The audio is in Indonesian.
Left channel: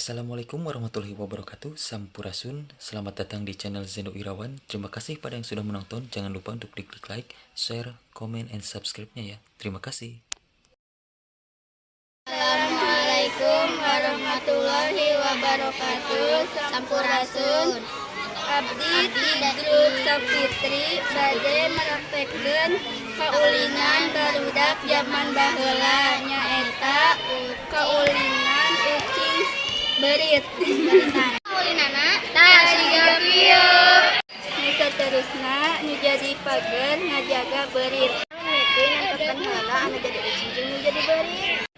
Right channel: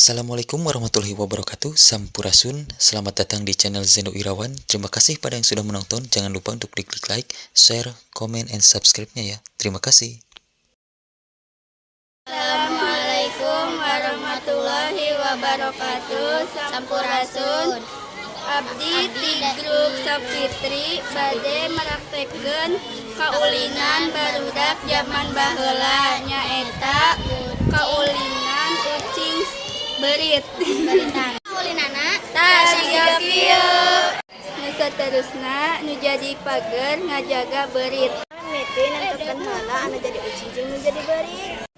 Assalamualaikum warahmatullahi wabarakatuh. Sampurasun. Selamat datang di channel Zeno Irawan. Terima kasih pada yang sudah menonton. Jangan lupa untuk klik like, share, comment, and subscribe-nya ya. Terima kasih. Assalamualaikum warahmatullahi wabarakatuh. Sampurasun. Abdi di grup Sapitri bade meraktekeun kaulinan barudak zaman baheula nyaeta kaulinan ucing berit. Kaulinana tah siga kieu. Nu saterusna nu jadi pager ngajaga berit. Mimpi nantokeun heula anu jadi ucing jeung nu jadi berit.